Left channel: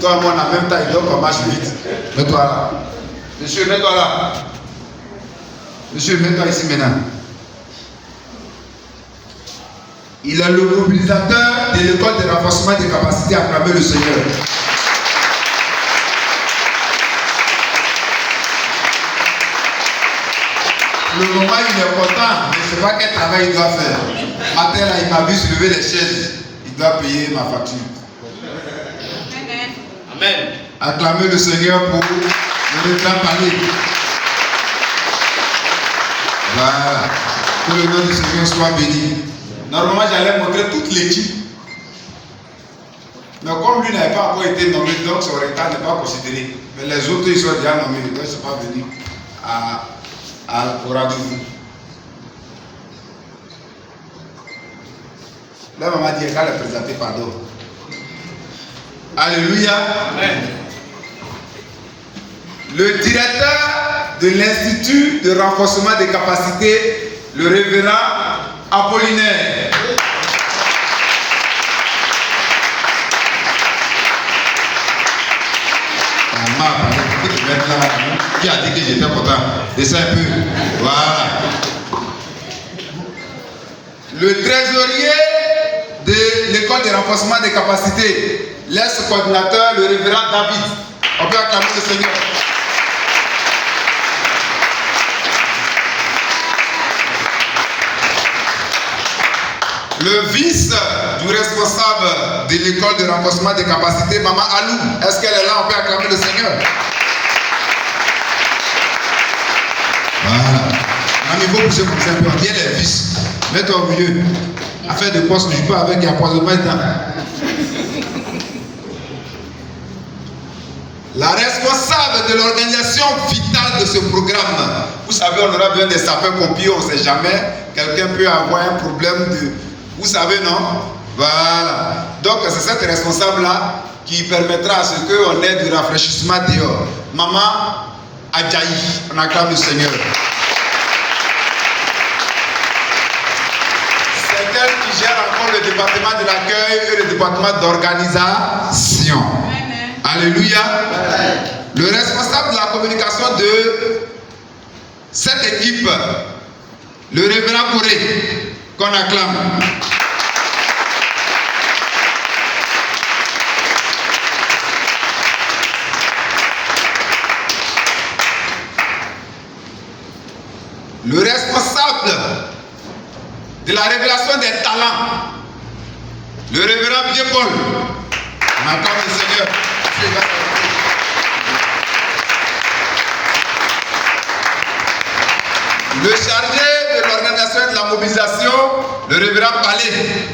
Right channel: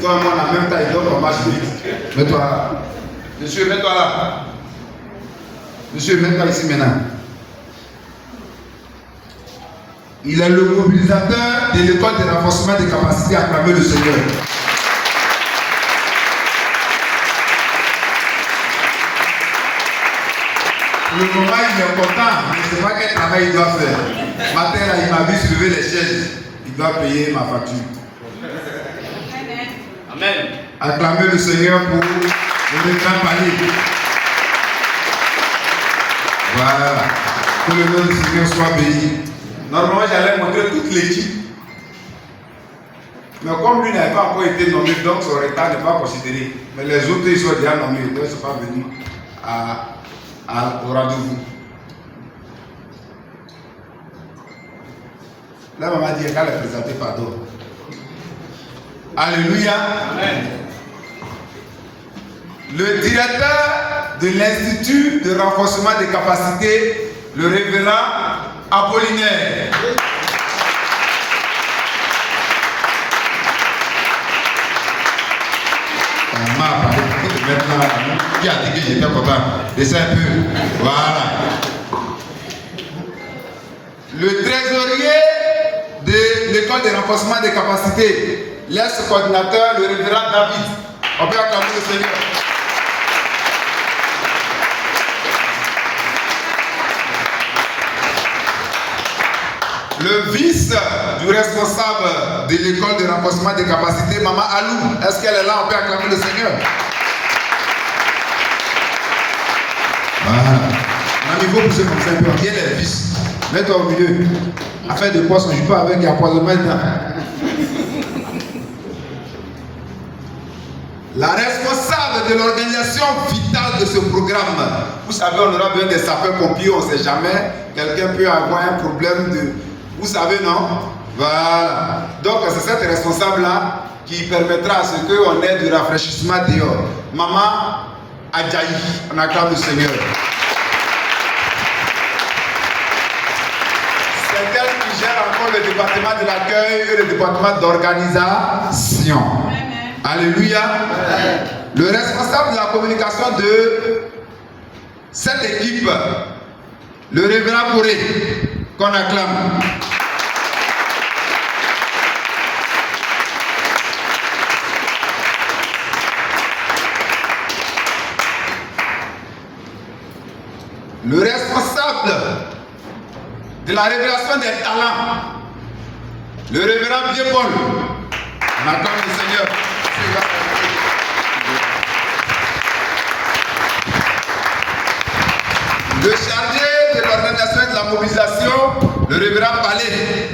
Toi et moi, en même temps, il doit qu'on marche vite. Mets-toi là. Monsieur, mets-toi là. Monsieur, mets-toi ici maintenant. Il est le mobilisateur de l'école de renforcement des capacités à travers le Seigneur. Le moment où il est content, je ne sais pas quel travail il doit faire. Matin là, il m'a vu soulever les chaises. Il doit payer ma facture. Amen. Acclamez le Seigneur pour le grand palier. Voilà. Que le nom du Seigneur soit béni. Normalement, j'allais montrer toute l'équipe. Mais comme lui n'avait pas encore été nommé, donc son retard n'est pas considéré. Mais les autres, ils sont déjà nommés, donc ils ne sont pas venus au rendez-vous. La maman dit qu'elle a présenté pardon. Alléluia. Amen. Le directeur de l'Institut de renforcement des capacités, le révérend Apollinaire. Qui a dit que j'étais content? Descends un peu. Voilà. Le trésorier de l'école de renforcement des capacités, l'ex-coordinateur, le révérend David. On peut acclamer le Seigneur. Le vice du responsable de l'école de renforcement des capacités, Maman Alou, est-ce qu'elle est là? On peut acclamer le Seigneur. Voilà. Mon niveau pour ceux qui vous aiment bien les vices. Mets-toi au milieu. Affaire de poste, je peux avec l'empoisonnement dedans. La responsable de l'organisation vitale de ce programme. Vous savez, on aura besoin des sapeurs-pompiers, on ne sait jamais. Quelqu'un peut avoir un problème de... Vous savez, non? Voilà. Donc, c'est cette responsable-là qui permettra à ce qu'on ait du rafraîchissement dehors. Maman Adjaï, on acclame le Seigneur. C'est elle qui gère encore le département de l'accueil et le département d'organisation. Alléluia. Le responsable de la communication de cette équipe, le révérend Corée, qu'on acclame. Le responsable de la révélation des talents, le révérend Pierre-Paul. On acclame le Seigneur. Le chargé de l'organisation et de la mobilisation, le révérend Palais.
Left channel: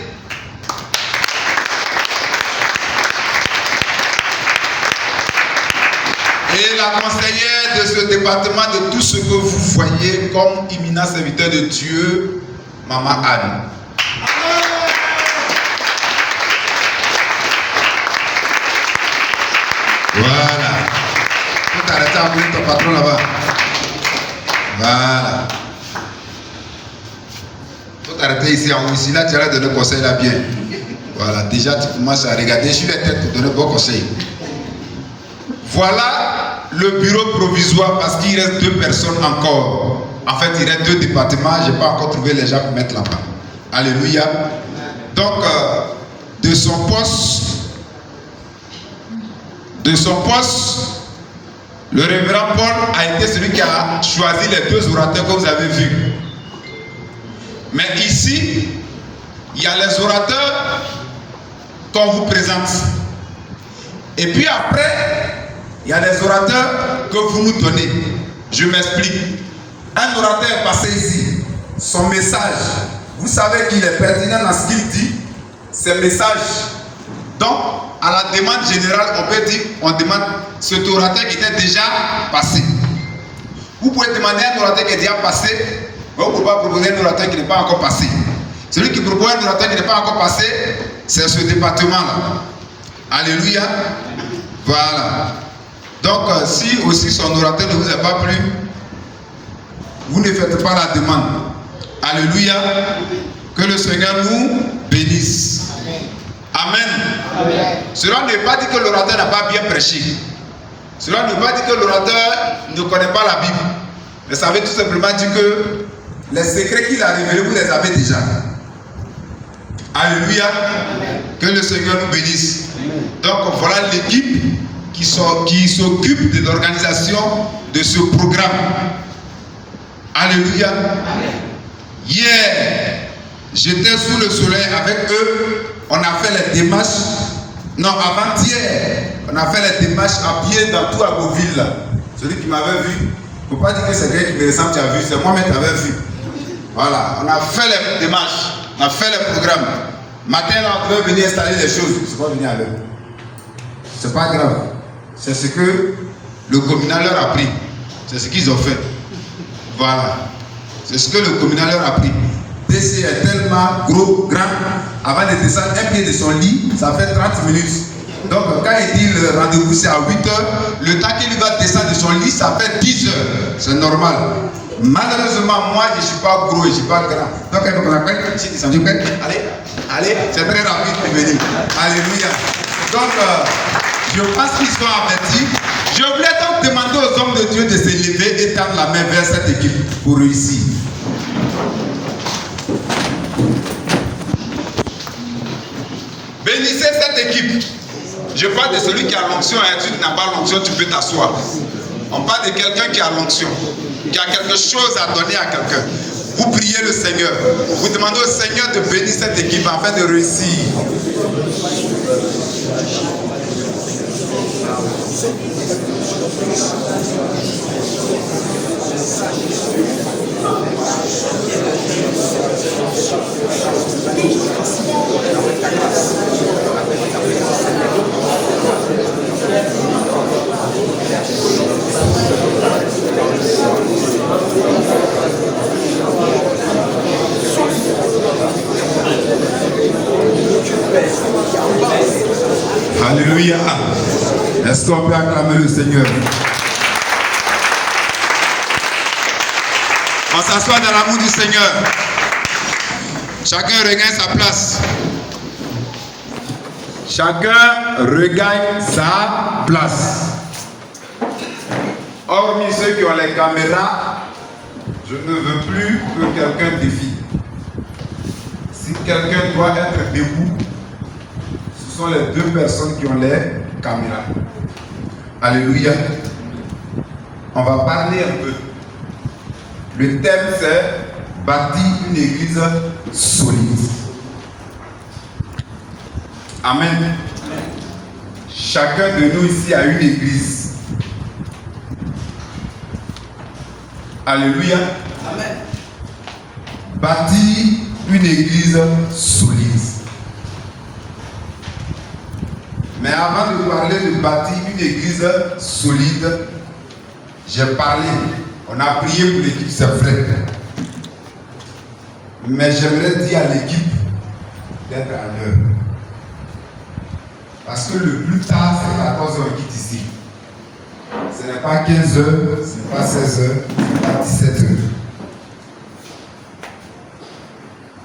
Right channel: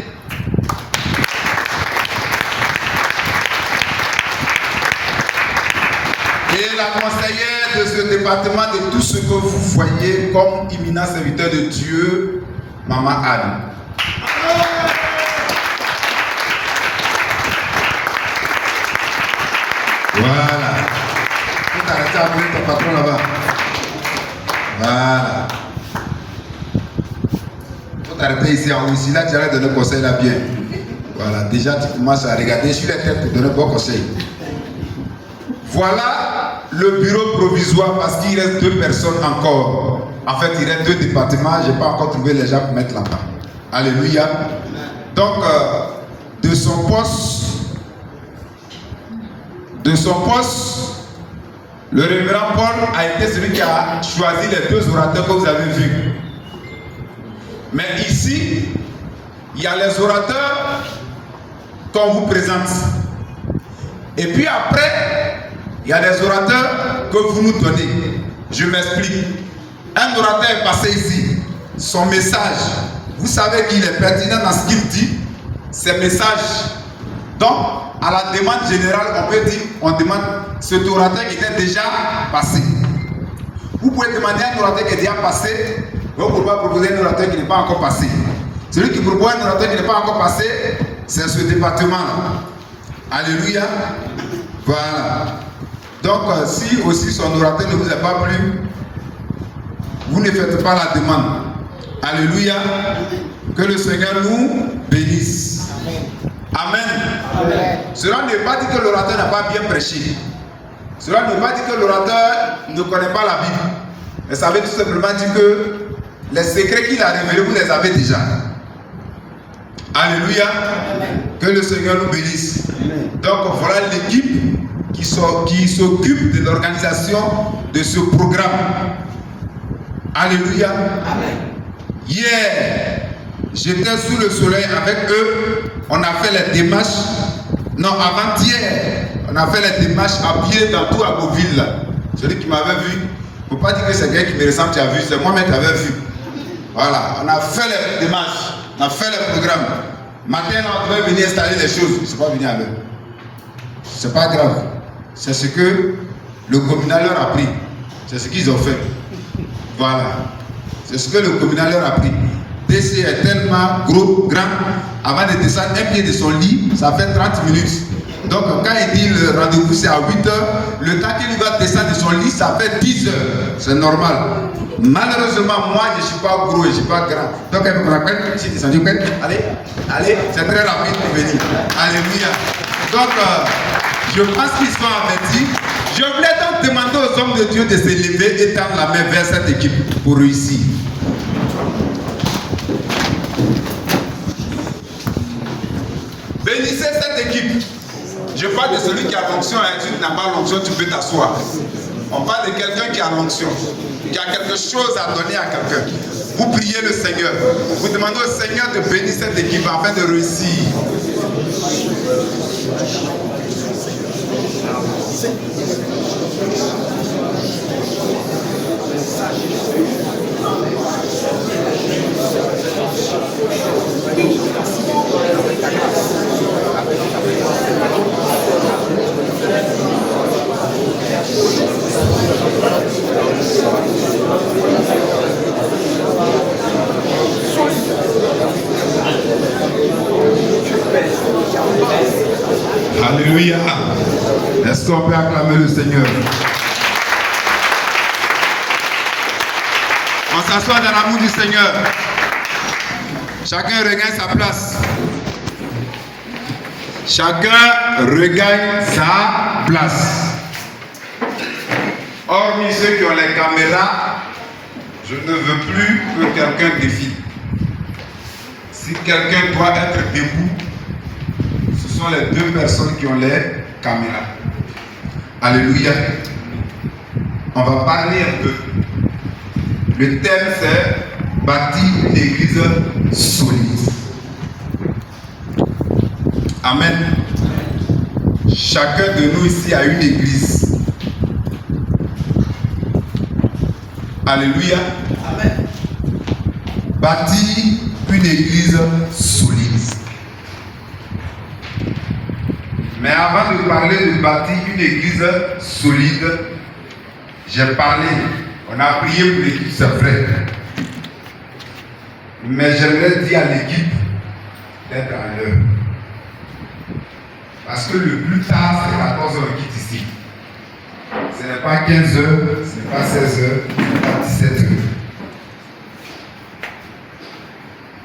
Et la conseillère de ce département, de tout ce que vous voyez comme imminent serviteur de Dieu, Maman Anne. Voilà. Tu peux t'arrêter à bout ton patron là-bas. Voilà. Il faut t'arrêter ici en haut. Ici, là, tu as donné conseil là bien. Voilà. Déjà, tu commences à regarder sur les têtes pour donner bon conseil. Voilà le bureau provisoire parce qu'il reste 2 personnes encore. En fait, il reste 2 départements. Je n'ai pas encore trouvé les gens pour mettre là-bas. Alléluia. Donc, de son poste, le révérend Paul a été celui qui a choisi les 2 orateurs que vous avez vus. Mais ici, il y a les orateurs qu'on vous présente. Et puis après, il y a les orateurs que vous nous donnez. Je m'explique. Un orateur est passé ici. Son message, vous savez qu'il est pertinent dans ce qu'il dit. Ses messages. Donc, à la demande générale, on peut dire, on demande cet orateur qui était déjà passé. Vous pouvez demander à un orateur qui est déjà passé, vous ne pouvez pas proposer un orateur qui n'est pas encore passé. Celui qui propose un orateur qui n'est pas encore passé, c'est ce département-là. Alléluia. Voilà. Donc, si aussi son orateur ne vous a pas plu, vous ne faites pas la demande. Alléluia. Que le Seigneur nous bénisse. Amen. Cela ne veut pas dire que l'orateur n'a pas bien prêché. Cela ne veut pas dire que l'orateur ne connaît pas la Bible. Mais ça veut tout simplement dire que les secrets qu'il a révélés, vous les avez déjà. Alléluia. Que le Seigneur nous bénisse. Donc voilà l'équipe qui s'occupe de l'organisation de ce programme. Alléluia. Hier, j'étais sous le soleil avec eux. On a fait les démarches. Non, avant-hier, on a fait les démarches à pied dans tout Agoville. Celui qui m'avait vu, il ne faut pas dire que c'est quelqu'un qui me ressemble, tu as vu, c'est moi-même qui t'avais vu. Voilà, on a fait les démarches, on a fait les programmes. Matin, là, on devait venir installer les choses. Je ne suis pas venu à l'heure. C'est pas grave. C'est ce que le communal leur a pris. C'est ce qu'ils ont fait. Voilà. C'est ce que le communal leur a pris. DC est tellement gros, grand. Avant de descendre un pied de son lit, ça fait 30 minutes. Donc quand il dit le rendez-vous c'est à 8 heures, le temps qu'il va descendre de son lit, ça fait 10 heures. C'est normal. Malheureusement, moi je ne suis pas gros et je ne suis pas grand. Donc il faut qu'on appelle, je suis descendu, allez, c'est très rapide pour venir. Alléluia. Donc je pense qu'ils sont avertis. Je voulais donc demander aux hommes de Dieu de se lever et tendre la main vers cette équipe pour réussir. Bénissez cette équipe. Je parle de celui qui a l'onction, et tu n'as pas l'onction, tu peux t'asseoir. On parle de quelqu'un qui a l'onction, qui a quelque chose à donner à quelqu'un. Vous priez le Seigneur. Vous demandez au Seigneur de bénir cette équipe afin de réussir. Alléluia. Est-ce qu'on peut acclamer le Seigneur? On s'assoit dans l'amour du Seigneur. Chacun regagne sa place. Chacun regagne sa place. Hormis ceux qui ont les caméras, je ne veux plus que quelqu'un défile. Si quelqu'un doit être debout, ce sont les deux personnes qui ont les caméras. Alléluia. On va parler un peu. Le thème c'est bâtir une église solide. Amen. Chacun de nous ici a une église. Alléluia. Amen. Bâtir une église solide. Mais avant de parler de bâtir une église solide, j'ai parlé, on a prié pour l'équipe, c'est vrai. Mais j'aimerais dire à l'équipe d'être à l'heure. Parce que le plus tard, c'est 14 heures quitte ici. Ce n'est pas 15 heures, ce n'est pas 16 heures, ce n'est pas 17 heures.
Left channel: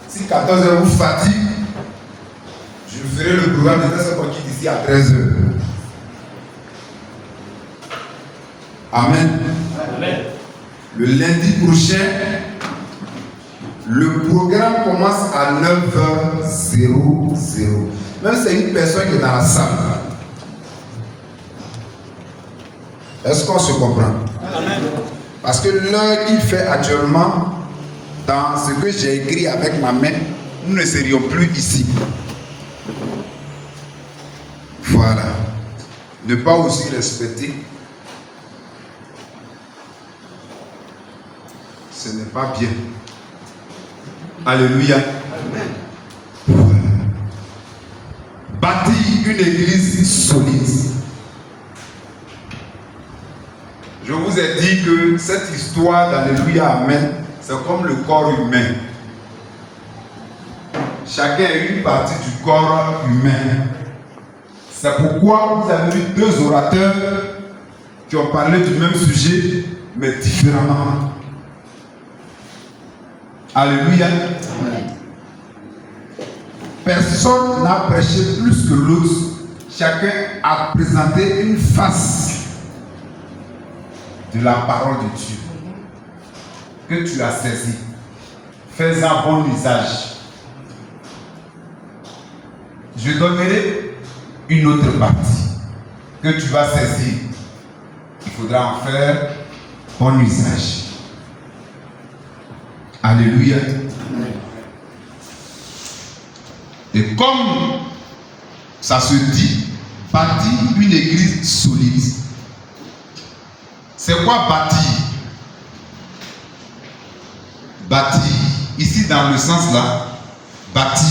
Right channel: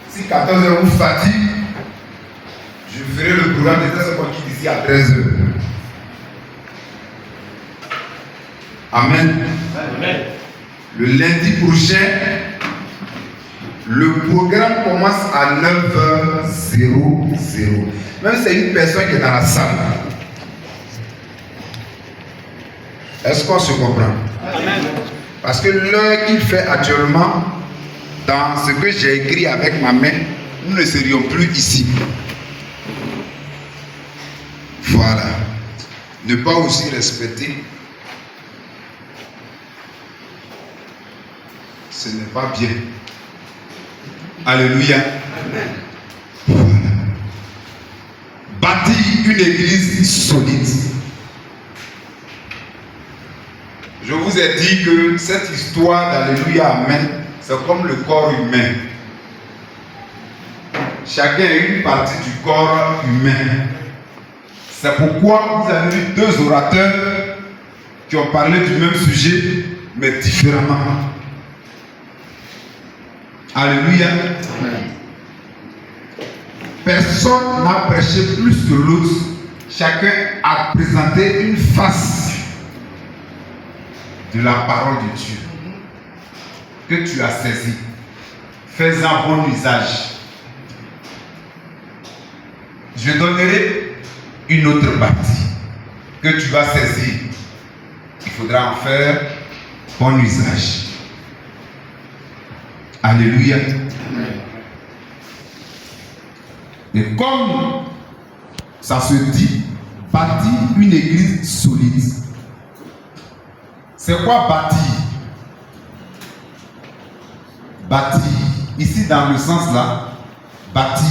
Si 14 heures vous fatigue, je ferai le programme de ce qu'on quitte ici à 13 heures. Amen. Amen. Le lundi prochain, le programme commence à 9h00. Même si c'est une personne qui est dans la salle. Est-ce qu'on se comprend? Parce que l'heure qu'il fait actuellement, dans ce que j'ai écrit avec ma main, nous ne serions plus ici. Voilà. Ne pas aussi respecter, ce n'est pas bien. Alléluia. Amen. Voilà. Bâtir une église solide. Je vous ai dit que cette histoire d'Alléluia, Amen, c'est comme le corps humain. Chacun a une partie du corps humain. C'est pourquoi vous avez eu deux orateurs qui ont parlé du même sujet, mais différemment. Alléluia. personne n'a prêché plus que l'autre. Chacun a présenté une face de la parole de Dieu que tu as saisie. Fais-en bon usage. Je donnerai une autre partie que tu vas saisir. Il faudra en faire bon usage. Alléluia. Et comme ça se dit, bâtir une église solide. C'est quoi bâtir? Bâtir. Ici, dans le sens là, bâtir,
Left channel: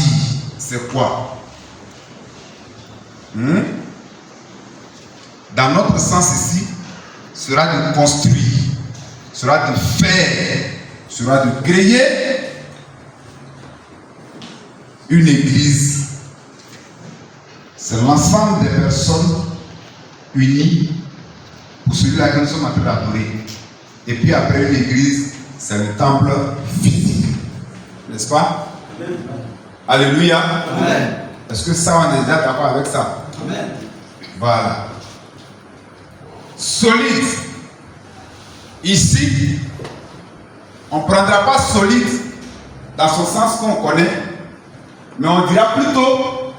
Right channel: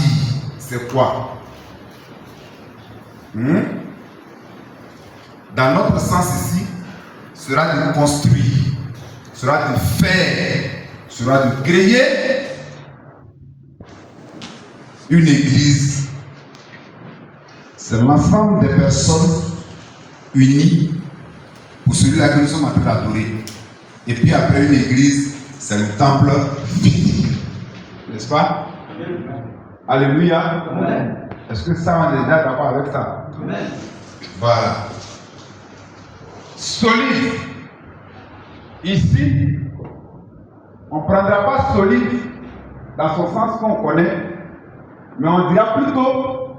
c'est quoi? Dans notre sens ici, sera de construire, sera de faire, sera de créer une église. C'est l'ensemble des personnes unies pour celui-là que nous sommes en train d'adorer. Et puis après une église, c'est le temple physique. N'est-ce pas? Amen. Alléluia. Amen. Est-ce que ça, on est déjà d'accord avec ça? Amen. Voilà. Solide. Ici, on ne prendra pas solide dans son sens qu'on connaît, mais on dira plutôt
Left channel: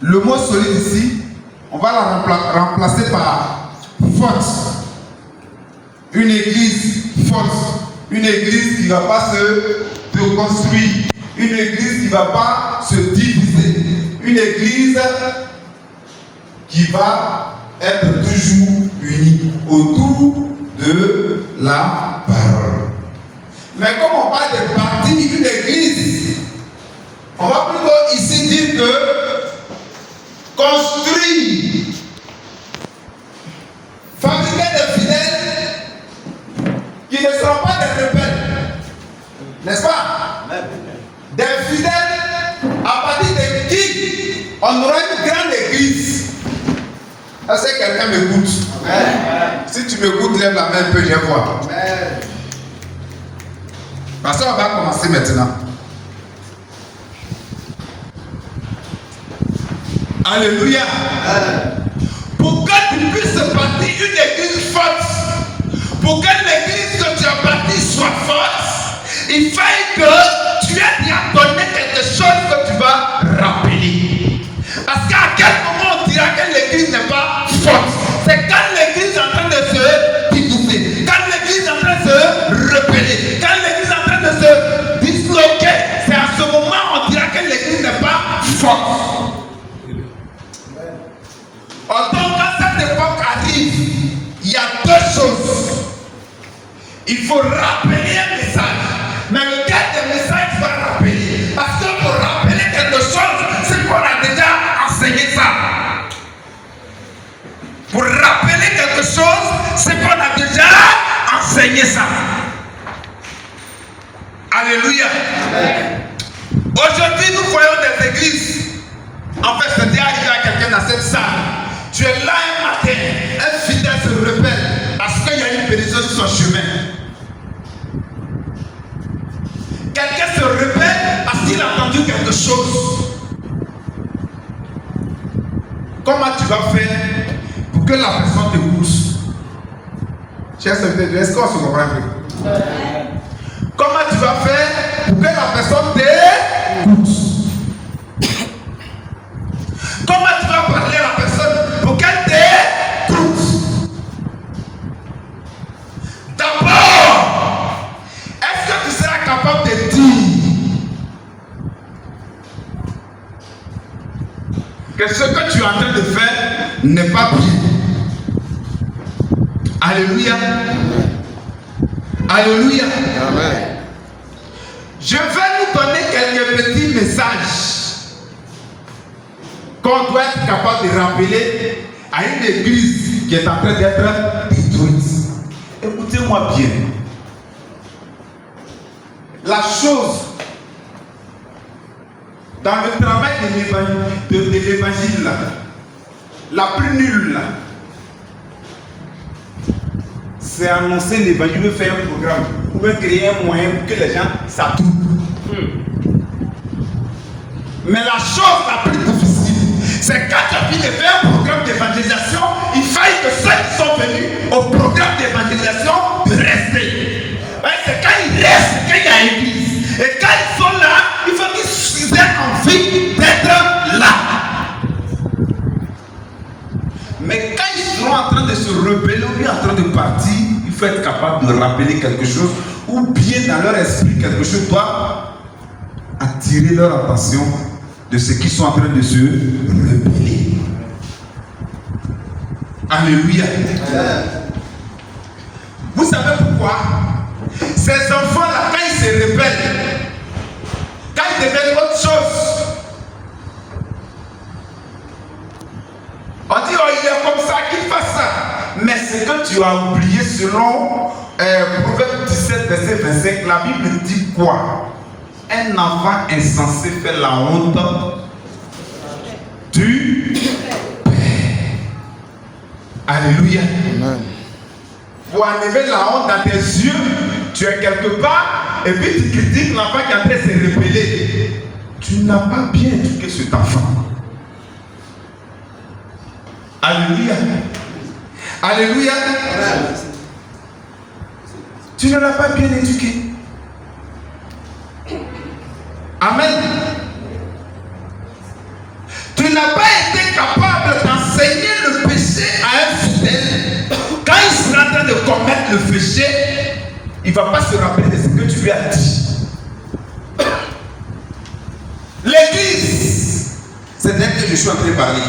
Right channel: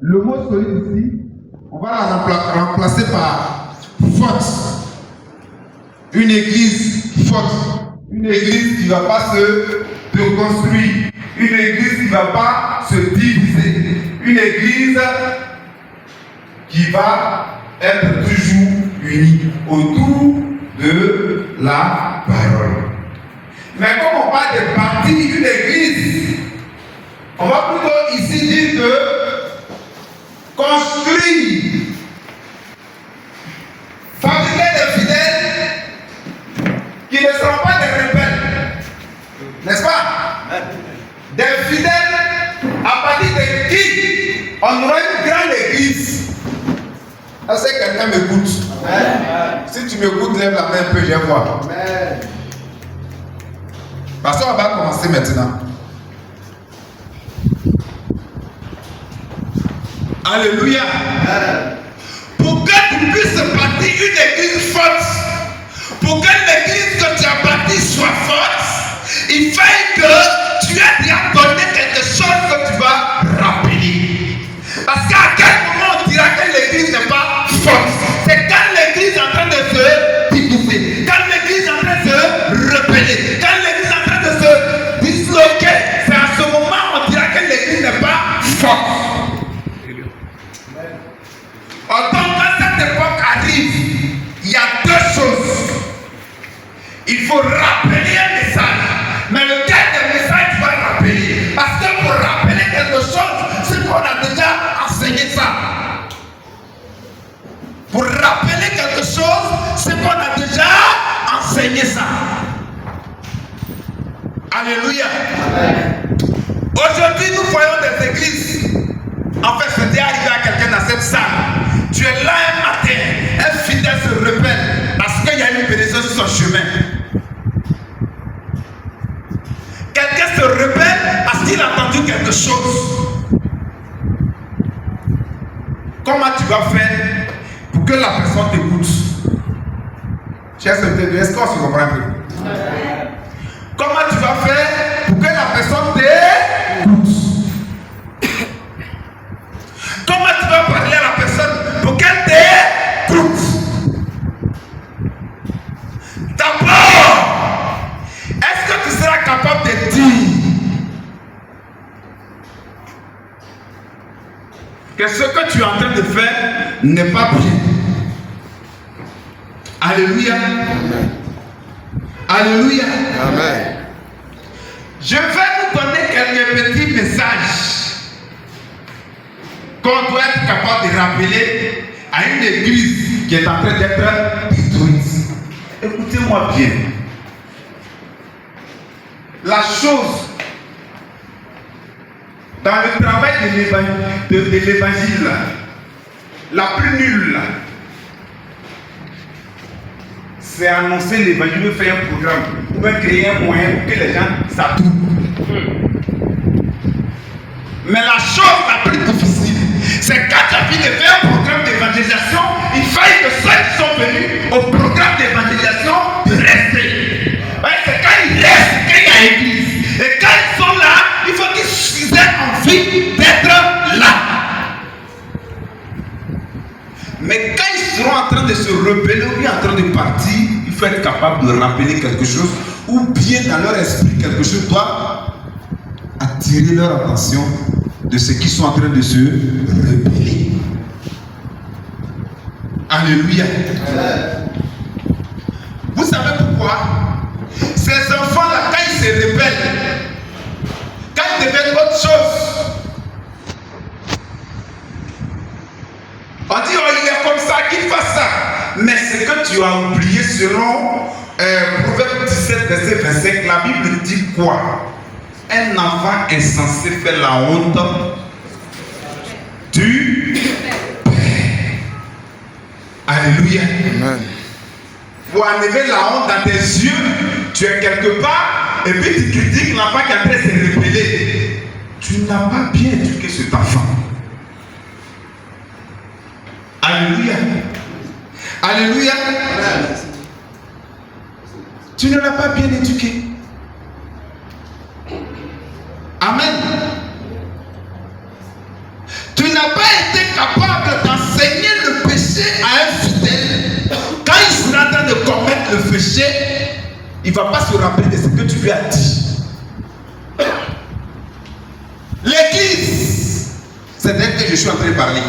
le mot solide ici, on va la remplacer par force. Une église forte. Une église qui ne va pas se construire. Une église qui ne va pas se diviser. Une église qui va être toujours unie autour de la parole. Mais comme on parle de partie d'une église, on va plutôt ici dire que construire, fabriquer des fidèles qui ne seront pas des rebelles, n'est-ce pas? Des fidèles à partir de qui on aura une grande église. Est-ce que quelqu'un m'écoute? Si tu m'écoutes, lève la main un peu, je vais voir. Parce qu'on va commencer maintenant. Alléluia. Pour que tu puisses bâtir une église forte, pour que l'église que tu as bâtie soit forte, il faut que tu aies déjà donné quelque chose que tu vas rappeler. Parce qu'à quel moment on dira que l'église n'est pas forte? C'est quand l'église est en train de se diviser, quand l'église est en train de se rebeller, quand l'église est en train de se disloquer. C'est à ce moment on dira que l'église n'est pas forte. Donc quand cette époque arrive, il y a deux choses. Il faut rappeler un message. Mais lequel des messages va rappeler? Parce que pour rappeler quelque chose, c'est qu'on a déjà enseigné ça. Pour rappeler quelque chose, c'est qu'on a déjà enseigné ça. Alléluia. Aujourd'hui, nous voyons des églises. En fait, c'est déjà arrivé à quelqu'un dans cette salle. Tu es là un matin, un fidèle se rebelle parce qu'il y a une pénition sur son chemin. Quelqu'un se rebelle parce qu'il a entendu quelque chose. Comment tu vas faire pour que la personne t'écoute? Chers serviteurs, est-ce qu'on se comprend un peu? Comment tu vas faire pour que la personne t'écoute? Comment tu vas parler à la personne pour qu'elle t'écoute? D'abord, est-ce que tu seras capable de dire que ce que tu es en train de faire n'est pas bien? Alléluia. Amen. Alléluia. Amen. Je vais nous donner quelques petits messages qu'on doit être capable de rappeler à une église qui est en train d'être détruite. Écoutez-moi bien. La chose dans le travail de l'évangile, la plus nulle, c'est annoncer l'évangile, faire un programme, ou créer un moyen pour que les gens s'attroupent. Mais la chose la plus difficile, c'est quand tu as fini de faire un programme d'évangélisation, il faille que ceux qui sont venus au programme d'évangélisation de rester. Ouais, c'est quand ils restent, quand il y a église. Et quand ils sont là, il faut qu'ils aient envie d'être là. Mais quand ils seront en train de se rebeller ou bien en train de partir, il faut être capable de rappeler quelque chose ou bien dans leur esprit quelque chose doit attirer leur attention de ce qu'ils sont en train de se rebeller. Alléluia. Vous savez pourquoi? Ces enfants-là, quand ils se rebellent, quand ils deviennent autre chose, on dit, oh, il est comme ça, qu'il fasse ça. Mais ce que tu as oublié selon Proverbe 17, verset 25, la Bible dit quoi? Un enfant insensé fait la honte du Père. Alléluia. Amen. Pour enlever la honte dans tes yeux, tu es quelque part et puis tu critiques l'enfant qui a fait se rebeller. Tu n'as pas bien éduqué cet enfant. Alléluia. Alléluia. Amen. Tu ne l'as pas bien éduqué. Amen. Tu n'as pas été capable d'enseigner le péché à un fidèle. Quand il sera en train de commettre le péché, il ne va pas se rappeler de ce que tu lui as dit. L'église, c'est d'elle que je suis en train de parler.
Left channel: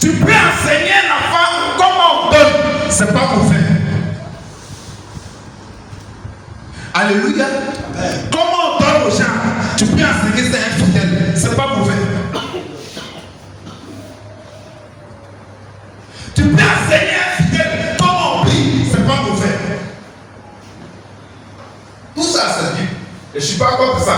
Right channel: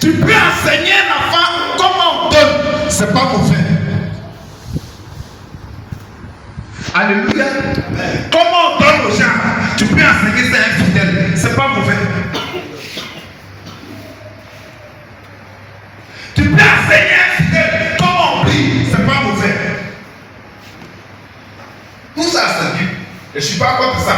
Tu peux enseigner un enfant comment on donne, c'est pas mauvais. Alléluia. Comment on donne aux gens, tu peux enseigner ça à un fidèle, c'est pas mauvais. Tu peux enseigner à un fidèle comment on prie, c'est pas mauvais. Tout ça c'est Dieu. Je ne suis pas contre ça.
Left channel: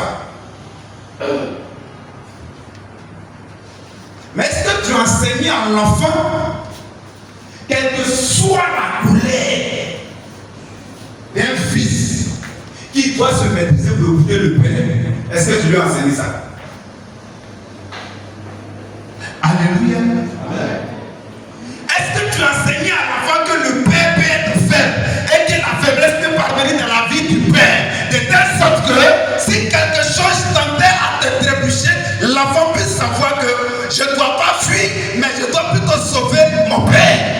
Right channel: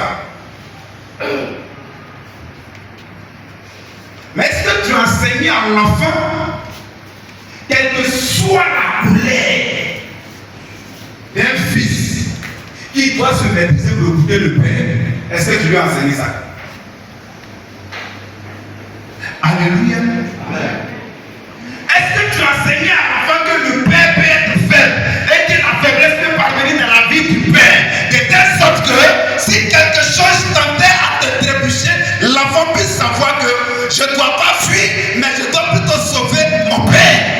Mais est-ce que tu enseignes à l'enfant, quelle que soit la colère d'un fils qui doit se maîtriser pour écouter le Père, est-ce que tu lui as enseigné ça? Alléluia. Amen. Est-ce que tu as enseigné à l'enfant que le Père peut être faible et que la faiblesse peut parvenir dans la vie du Père, de telle sorte que si quelque chose tendait à te trébucher, l'enfant puisse savoir que je ne dois pas fuir, mais je dois plutôt sauver mon Père.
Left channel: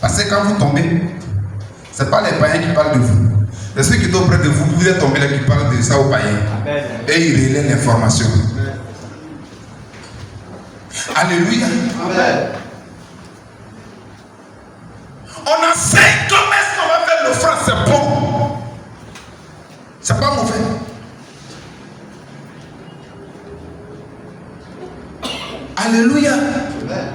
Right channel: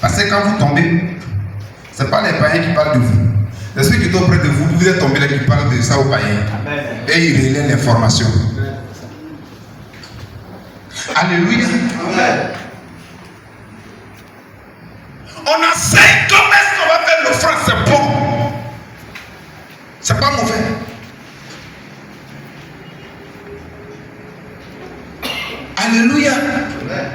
Parce que quand vous tombez, ce n'est pas les païens qui parlent de vous. C'est ceux qui sont auprès de vous, vous êtes tombés là qui parlent de ça aux païens. Amen. Et ils relaient l'information. Alléluia. Amen. On enseigne comment est-ce qu'on va faire l'offrande, c'est bon. C'est pas mauvais. Alléluia. Amen.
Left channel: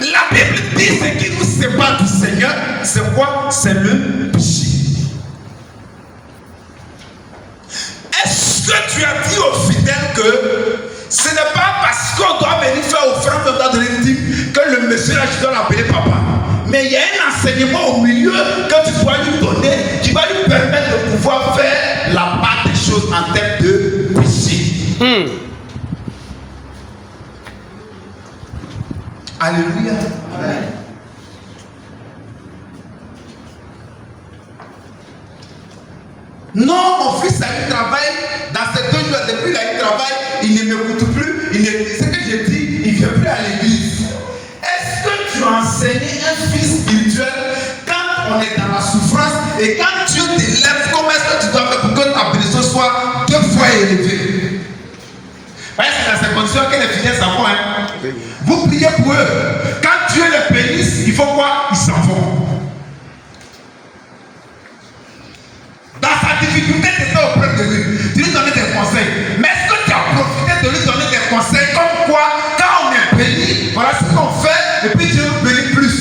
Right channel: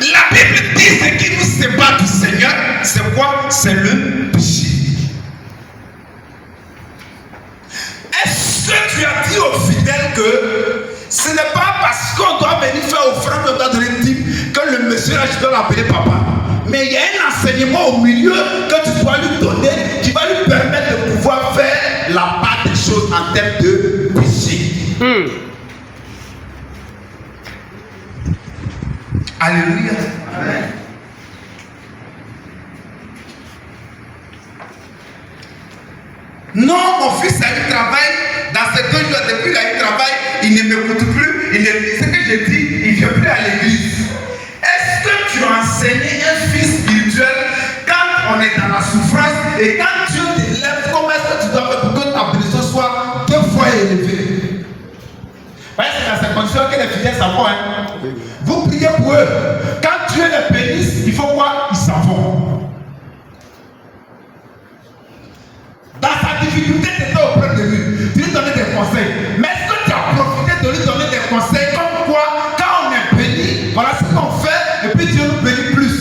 La Bible dit ce qui nous sépare du Seigneur, c'est quoi? C'est le péché. Est-ce que tu as dit aux fidèles que ce n'est pas parce qu'on doit venir faire offrande, on doit donner une dîme, que le monsieur là, tu dois l'appeler papa? Mais il y a un enseignement au milieu que tu dois lui donner qui va lui permettre de pouvoir faire la part des choses en termes de péché. Alléluia. Amen. Non, mon fils a eu travail dans ces 2 jours. Depuis qu'il a eu travail, il ne m'écoute plus. Ce que j'ai dit, il ne vient plus à l'église. Est-ce que tu as enseigné un fils spirituel quand on est dans la souffrance et quand Dieu t'élève, comment est-ce que tu dois faire pour que ta bénédiction soit 2 fois élevée? Parce que c'est dans ces conditions que les fidèles s'en vont. Hein? Vous priez pour eux. Quand Dieu les bénisse, il faut quoi? Ils s'en vont. Dans sa difficulté, tu étais auprès de lui. Tu lui donnais des conseils. Mais est-ce que tu as profité de lui donner des conseils comme quoi, quand on est béni, voilà ce qu'on fait, et puis Dieu nous bénit plus.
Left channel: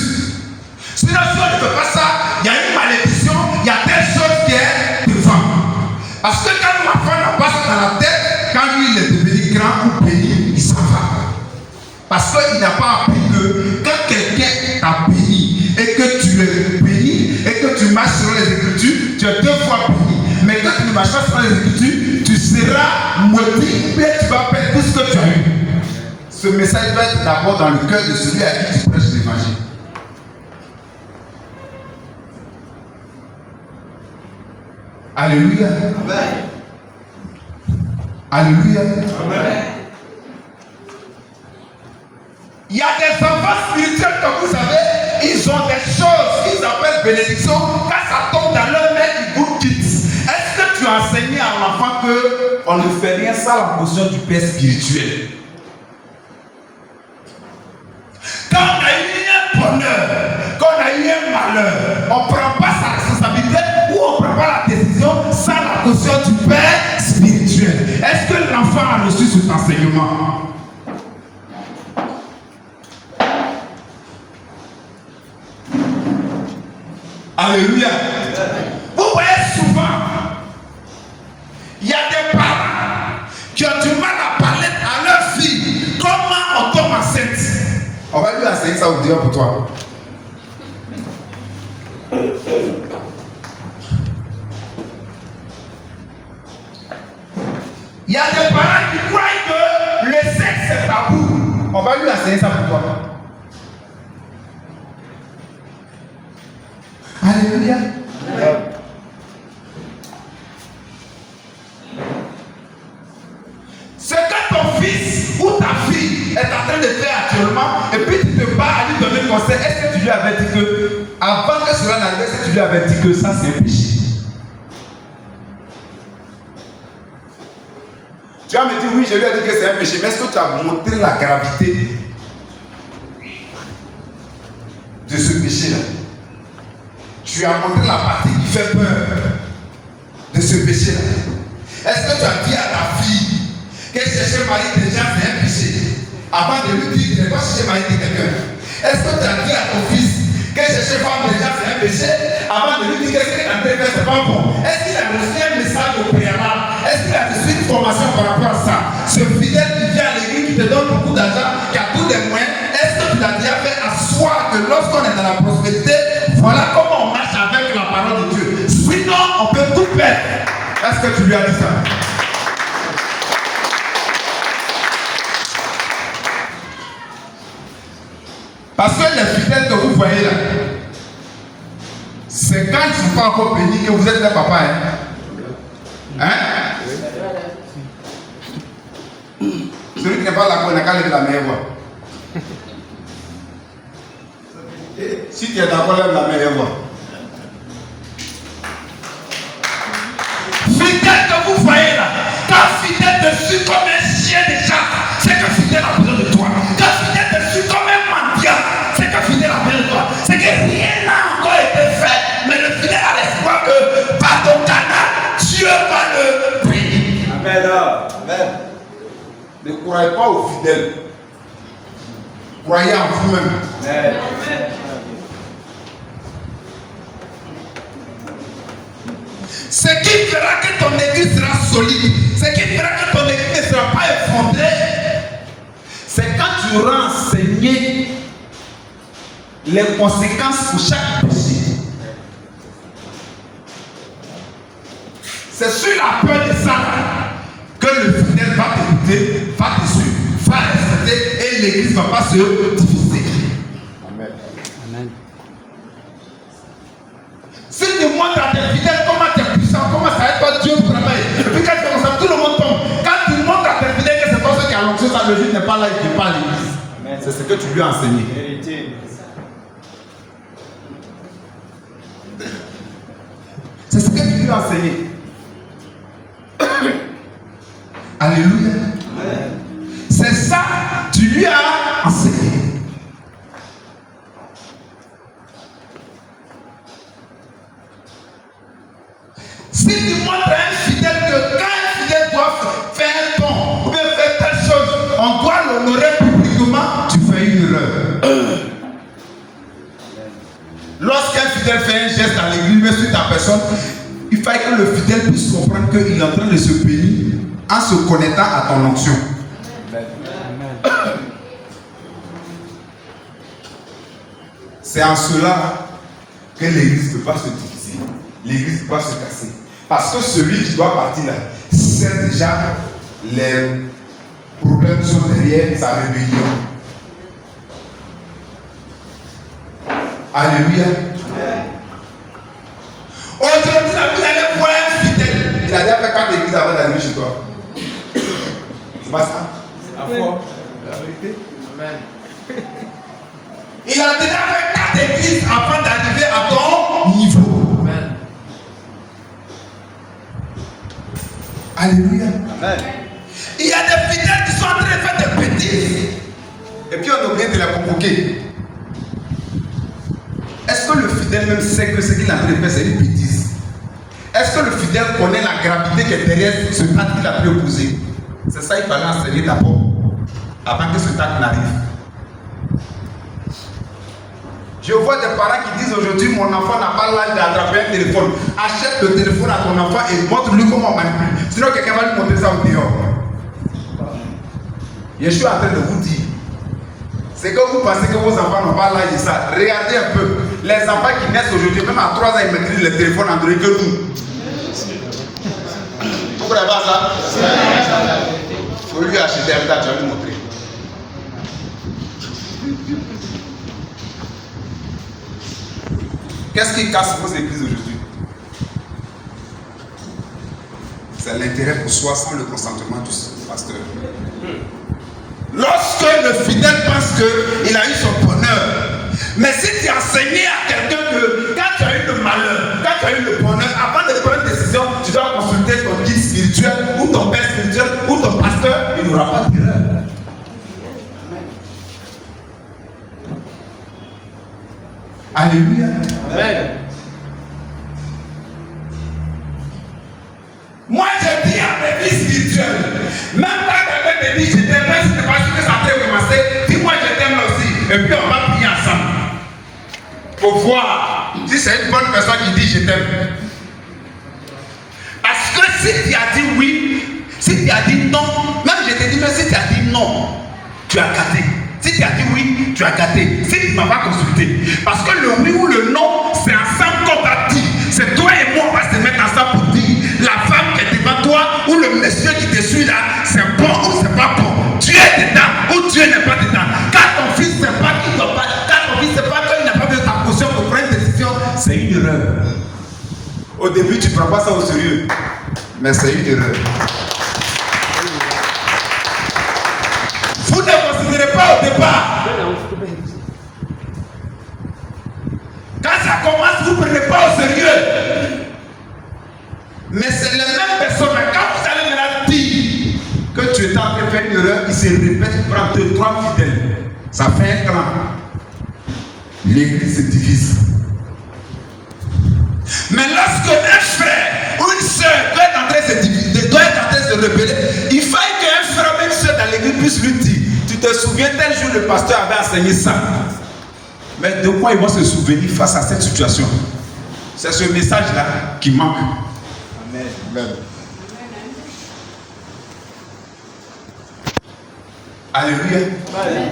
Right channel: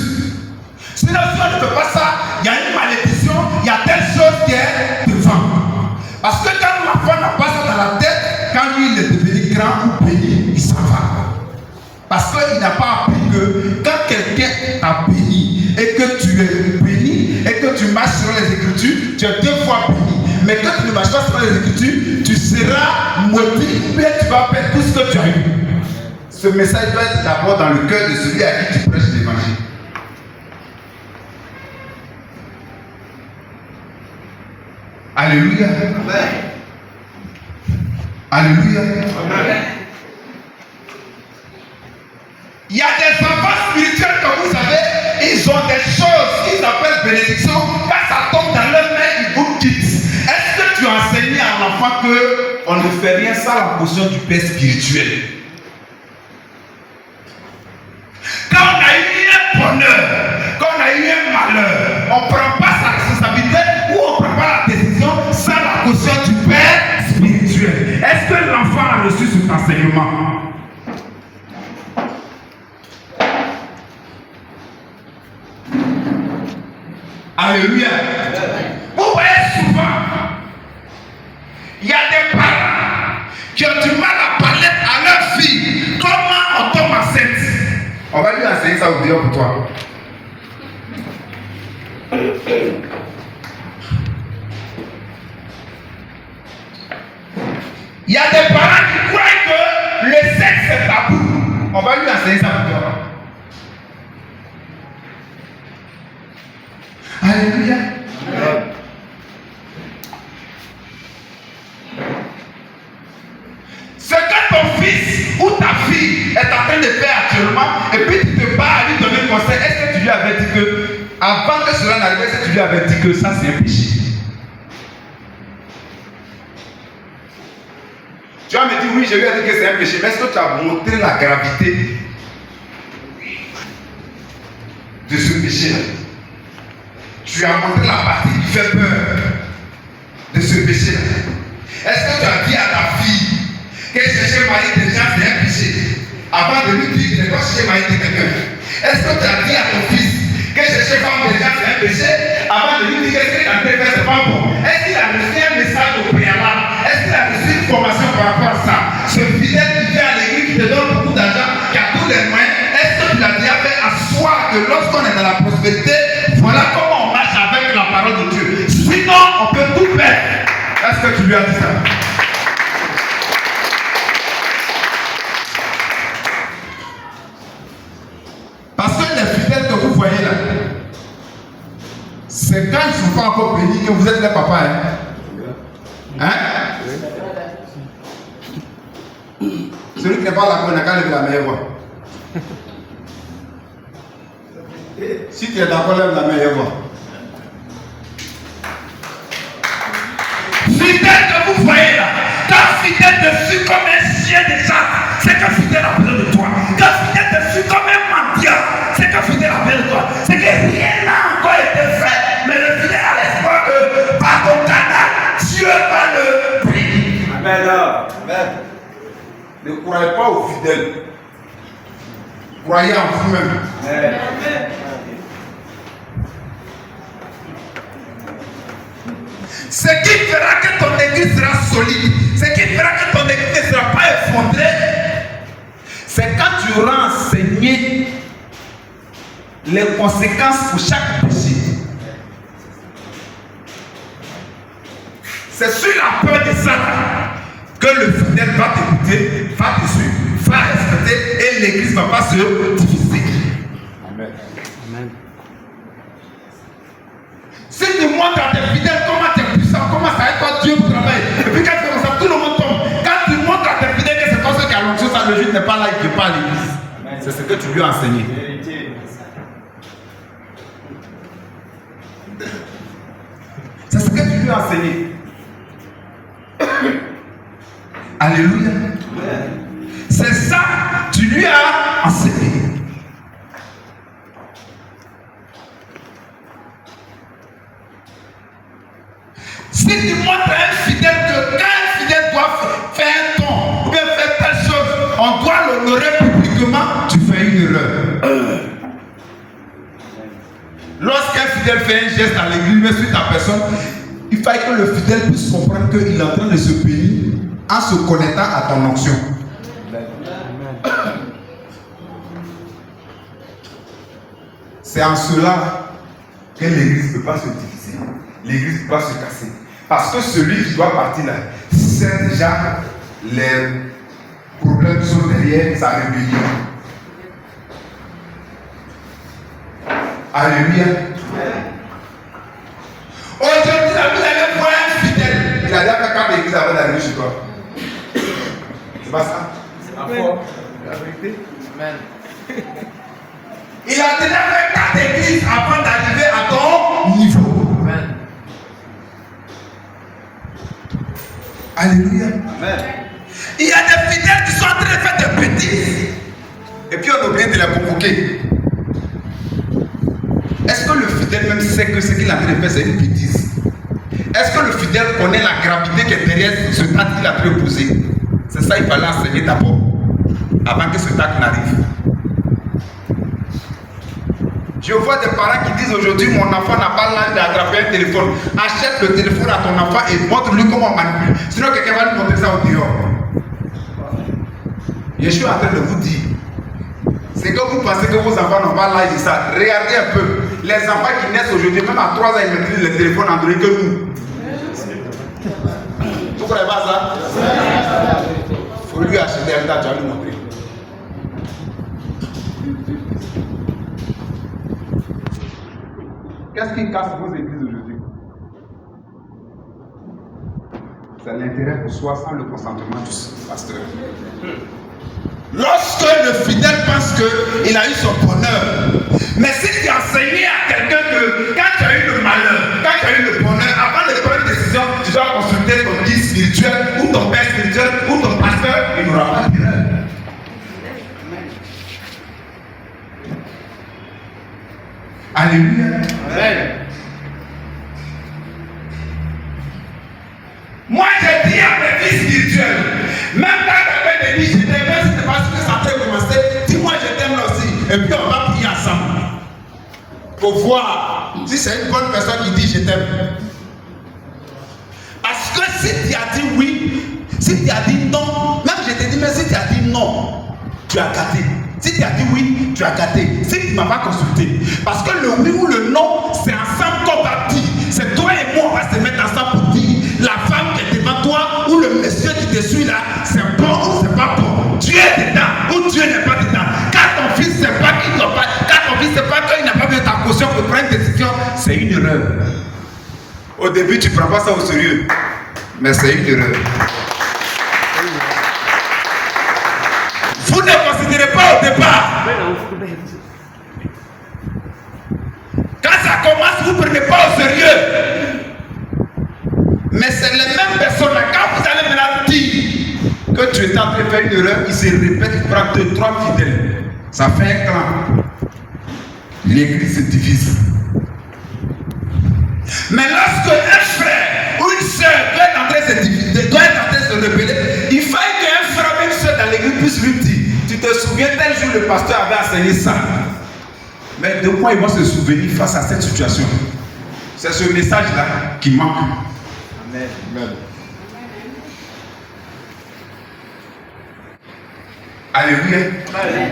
Sinon, si on ne fait pas ça, il y a une malédiction, il y a telle chose qui est devant. Parce que quand l'enfant n'a pas ça dans la tête, quand lui il est devenu grand ou béni, il s'en va. il n'a pas appris que quand quelqu'un t'a béni et que tu es béni et que tu marches sur les Écritures, tu es 2 fois béni. Mais quand tu ne marches pas sur les Écritures, tu seras maudit, bien tu vas perdre tout ce que tu as eu. Ce message doit être d'abord dans le cœur de celui à qui tu prêches l'évangile. Alléluia. Alléluia. Il y a des enfants spirituels que vous avez, ils ont des choses qu'ils appellent bénédiction. Quand ça tombe dans leur main, ils vous quittent. Est-ce que tu as enseigné à l'enfant qu'on ne fait rien sans la portion du Père spirituel? Quand on a eu un bonheur, quand on a eu un malheur, on ne prend pas sa responsabilité ou on ne prend pas la décision sans la portion du Père spirituel. Est-ce que l'enfant a reçu cet enseignement? Alléluia. Vous voyez souvent, il y a des parents qui ont du mal à parler à leur fille. Comment on tombe enceinte? On va lui enseigner ça au dehors pour toi. Il y a des parents qui croient que le sexe est tabou. On va lui enseigner ça pour toi. Alléluia. Ce que ton fils ou ta fille est en train de faire actuellement, et puis tu te bats à lui donner conseil, est-ce que tu lui avais dit que, avant que cela n'arrive, est-ce que tu lui avais dit que ça c'est un péché? Tu vas me dire oui, je lui ai dit que c'est un péché, mais est-ce que tu as montré la gravité de ce péché-là? Tu as montré la partie qui fait peur de ce péché-là. Est-ce que tu as dit à ta fille que chercher mari des gens c'est un péché avant de lui dire qu'il ne va pas chercher mari de quelqu'un? Est-ce que tu as dit à ton fils que chercher femme des gens c'est un péché avant de lui dire que ce qu'il est en train de faire c'est pas bon? Est-ce qu'il a reçu un message au préalable? Est-ce qu'il a reçu une formation par rapport à ça? Ce fidèle qui vient à l'église, qui te donne beaucoup d'argent, qui a tous les moyens, est-ce que tu l'as déjà fait asseoir que lorsqu'on est dans la prospérité, voilà comment on marche avec la parole de Dieu? Sinon, on peut tout perdre. Est-ce que tu lui as dit ça? Parce que les fidèles que vous voyez là, c'est quand ils ne sont pas encore bénis que vous êtes les papas. Hein? Celui qui n'est pas là, on n'a qu'à lever la meilleure voix. Si tu es d'accord, lève la meilleure voix. Fidèle que vous voyez là, quand fidèle dessus comme un chien de chasse, c'est que fidèle a besoin de toi. Quand fidèle dessus comme un mendiant, c'est que fidèle a besoin de toi. C'est que rien n'a encore été fait, mais le fidèle a l'espoir que par ton canal, Dieu va le bénir. Amen. Amen. Ne croyez pas aux fidèles. Croyez en vous-même. Amen. Ce qui fera que ton église sera solide, ce qui fera que ton église ne sera pas effondrée, c'est quand tu auras enseigné les conséquences pour chaque péché. C'est sur la peur de ça que le fidèle va t'écouter, va te suivre, va respecter et l'église ne va pas se diviser. Amen. Amen. Si tu montres à tes fidèles comment tu es puissant, comment ça aide toi Dieu au travail, et puis quand tu fais comme ça, tout le monde tombe. Quand tu montres à tes fidèles que c'est toi qui a l'onction, ça le juge n'est pas là, il ne pas à l'église. C'est ce que tu lui as enseigné. C'est ce que tu lui as enseigné. Alléluia. C'est ça que tu lui as enseigné. Si tu montres à un fidèle que quand un fidèle doit faire un don ou bien faire telle chose, on doit l'honorer publiquement, tu fais une erreur. Lorsqu'un fidèle fait un geste à l'église, mais sur ta personne, il faut que le fidèle puisse comprendre qu'il est en train de se bénir en se connectant à ton onction. C'est en cela que l'église ne peut pas se diviser. L'église ne peut pas se casser. Parce que celui qui doit partir là sait déjà les problèmes qui sont derrière sa rébellion. Alléluia. Aujourd'hui, vous allez voir un fidèle. Il a déjà fait 4 églises avant d'arriver chez toi. C'est pas ça? C'est la foi. La vérité. Amen. Il a déjà fait 4 églises avant d'arriver à ton niveau. Amen. Alléluia. Amen. Il y a des fidèles qui sont en train de faire des bêtises. Et puis on oublie de les convoquer. Est-ce que le fidèle même sait que ce qu'il est en train de faire c'est une bêtise? Est-ce que le fidèle connaît la gravité qui est derrière ce acte qu'il a pu poser? C'est ça qu'il fallait enseigner d'abord, avant que ce acte n'arrive. Je vois des parents qui disent aujourd'hui mon enfant n'a pas l'âge d'attraper un téléphone. Achète le téléphone à ton enfant et montre-lui comment on manipule. Sinon quelqu'un va lui montrer ça au dehors. Je suis en train de vous dire, c'est que vous pensez que vos enfants n'ont pas l'âge de ça. Regardez un peu. Les enfants qui naissent aujourd'hui, même à 3 ans, ils maîtrisent le téléphone Android que nous. Vous ne croyez pas ça? Il faut lui acheter un tas, tu vas lui montrer. Qu'est-ce qui casse vos églises aujourd'hui? C'est l'intérêt pour soi sans le consentement du pasteur. Lorsque le fidèle pense qu'il a eu son bonheur, mais si tu as enseigné à quelqu'un que quand tu as eu le malheur, quand tu as eu le bonheur, avant de prendre une décision, tu dois consulter ton guide spirituel ou ton père spirituel ou ton pasteur, il n'aura pas d'erreur. Alléluia. Amen. Moi, je dis à mes vies spirituels, même quand quelqu'un me dit je t'aime, même si ce n'est pas sûr que ça peut commencer, dis-moi je t'aime aussi. Et puis on va prier ensemble. Pour voir si c'est une bonne personne qui dit je t'aime. Parce que si tu as dit oui, si tu as dit non, même je te dis, mais si tu as dit non, tu as gâté. Si tu as dit oui, tu as gâté. Si tu ne m'as pas consulté. Parce que le oui ou le non, c'est ensemble qu'on va dire. C'est toi et moi, on va se mettre ensemble pour dire la femme qui est devant toi ou le monsieur qui te suit là, c'est bon ou c'est pas bon. Dieu est dedans ou Dieu n'est pas dedans. Quand ton fils ne sait pas qu'il ne doit pas, quand ton fils ne sait pas qu'il n'a pas besoin de ta caution pour prendre une décision, c'est une erreur. Au début, tu ne prends pas ça au sérieux. Mais c'est une erreur. Vous ne considérez pas au départ. Quand ça commence, vous ne prenez pas au sérieux. Mais c'est les mêmes personnes. Quand vous allez maintenant dire que tu es en train de faire une erreur, il se répète, il prend 2, 3 fidèles. Ça fait un clan. L'église se divise. Mais lorsque un frère ou une soeur doit être en train de se diviser, doit être en train de se rebeller, il faut qu'un frère ou une soeur dans l'église puisse lui dire, tu te souviens tel jour le pasteur avait enseigné ça. Mais de quoi ils vont se souvenir face à cette situation? C'est ce message-là qui manque. Amen. Alléluia. Amen.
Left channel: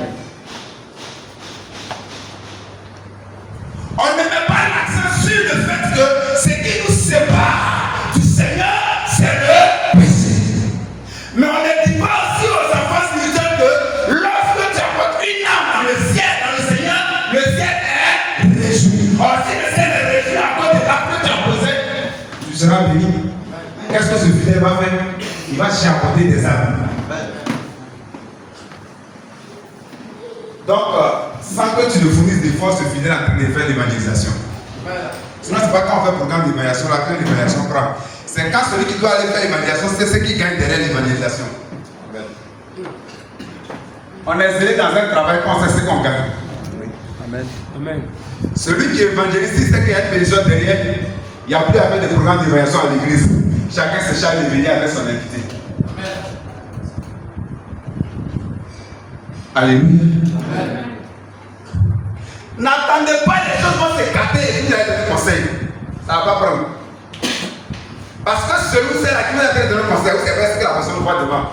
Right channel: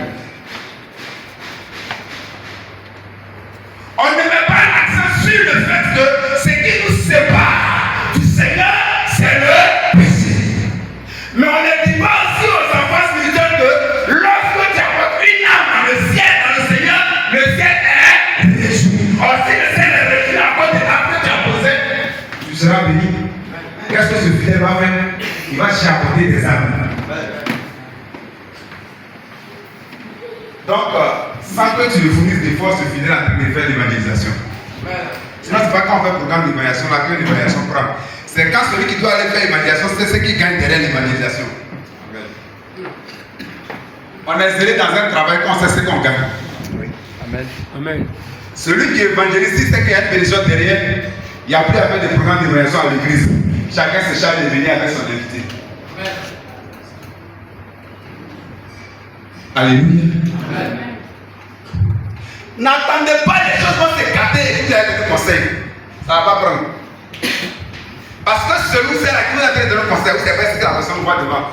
On ne met pas l'accent sur le fait que ce qui nous sépare du Seigneur, c'est le péché. Mais on ne dit pas aussi aux enfants spirituels que lorsque tu apportes une âme dans le Seigneur, le ciel est réjoui. Or, si le ciel est réjoui à cause de l'acte que tu as posé, tu seras béni. Qu'est-ce que ce fidèle va faire? Il va chiapoter des âmes. Donc, sans que tu ne fournisses des forces fidèles en train de faire l'évangélisation. Sinon, c'est pas quand on fait le programme d'évangélisation là que l'évangélisation prend. C'est quand celui qui doit aller faire l'évangélisation, c'est ce qui gagne derrière l'évangélisation. On est zélé dans un travail qu'on sait ce qu'on gagne. Amen. Amen. Celui qui évangélise, il sait qu'il y a une personne derrière. Il n'y a plus à faire des programmes d'évangélisation à l'église. Chacun se charge de venir avec son invité. Alléluia. N'attendez pas les choses vont s'écarter et vous allez donner conseil. Ça ne va pas prendre. Parce que celui c'est là qui vous a donné un conseil, vous savez ce que la personne voit devant.